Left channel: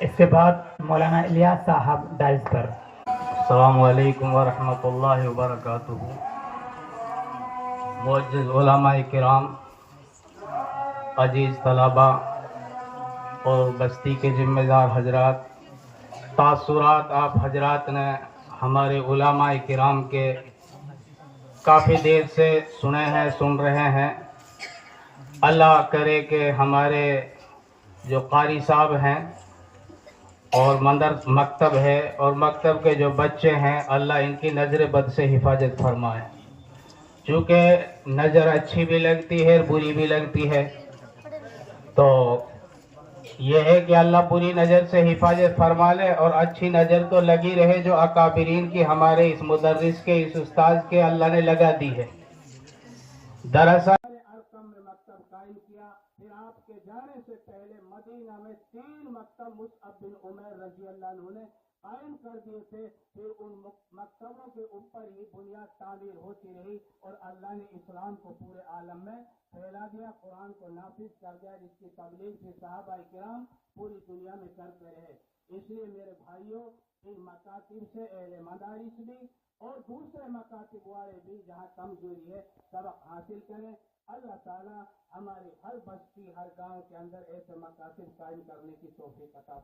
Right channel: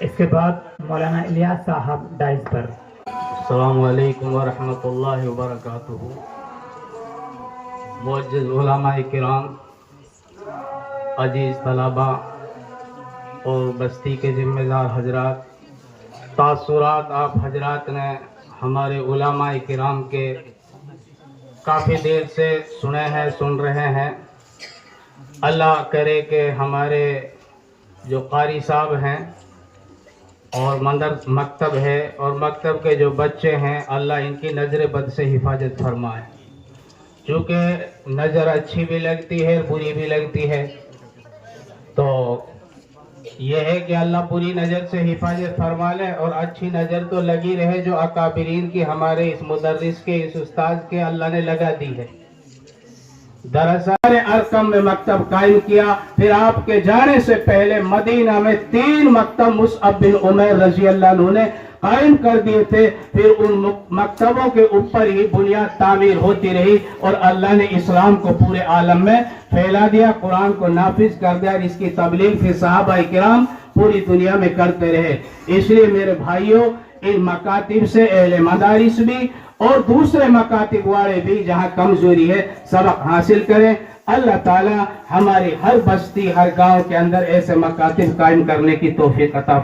اس کے بعد مولانا الیاس صاحب ڈائز پر۔ السلام علیکم ورحمۃ اللہ وبرکاتہ۔ معزز علماء کرام، عزیز طلباء اور بستی کے ذمہ دار حضرات، تاثرات آپ حضرات نے ہمارے علماء کرام کے کافی دیر سے سنے ہیں، سن رہے ہیں۔ اللہ کرے کہ ہمارے جو قاری صاحب ہیں اور مکتب ہے اور مکتب کے جو بچے ہیں، اللہ ان کی نظر بد سے حفاظت فرمائے۔ چونکہ نظر اچھی بھی لگتی ہے بری بھی لگتی ہے، تو یہ ہے کہ اللہ بری نظر سے حفاظت فرما لے اور اچھی نظر تو لگی رہے جو اکابرین کی ہمارے اس مدرس کے، اس استاذ کے اللہ نے لگا دی ہے۔ دراصل ارقم میں مکتب قائم کیا، پھر آپ کے جانے سے پہلے مدینہ میں 3 مکتب مصعب بن عمیر رضی اللہ عنہ نے قائم کر دیے تھے۔ پھر ان مکتبوں کے اوپر ہی بنیاد تعمیر ہوتی رہی اور اللہ نے اسلام کو پورے عالم میں پھیلا دیا، قرآن کو نافذ کر دیا، اور اس کی تبلیغ پھر صحابہ کرام پوری دنیا میں کرتے رہے۔ اس لیے میرے بھائیوں، ان مکاتب سے اہل مدارس بھی اور دوسرے مکاتب والے بھی جہاں کمزوری ہے سبق حاصل کریں۔ اللہ تعالی ہماری ہر بستی، ہر گاؤں کے اندر ایسے مکاتب قائم کرنے کی توفیق عطا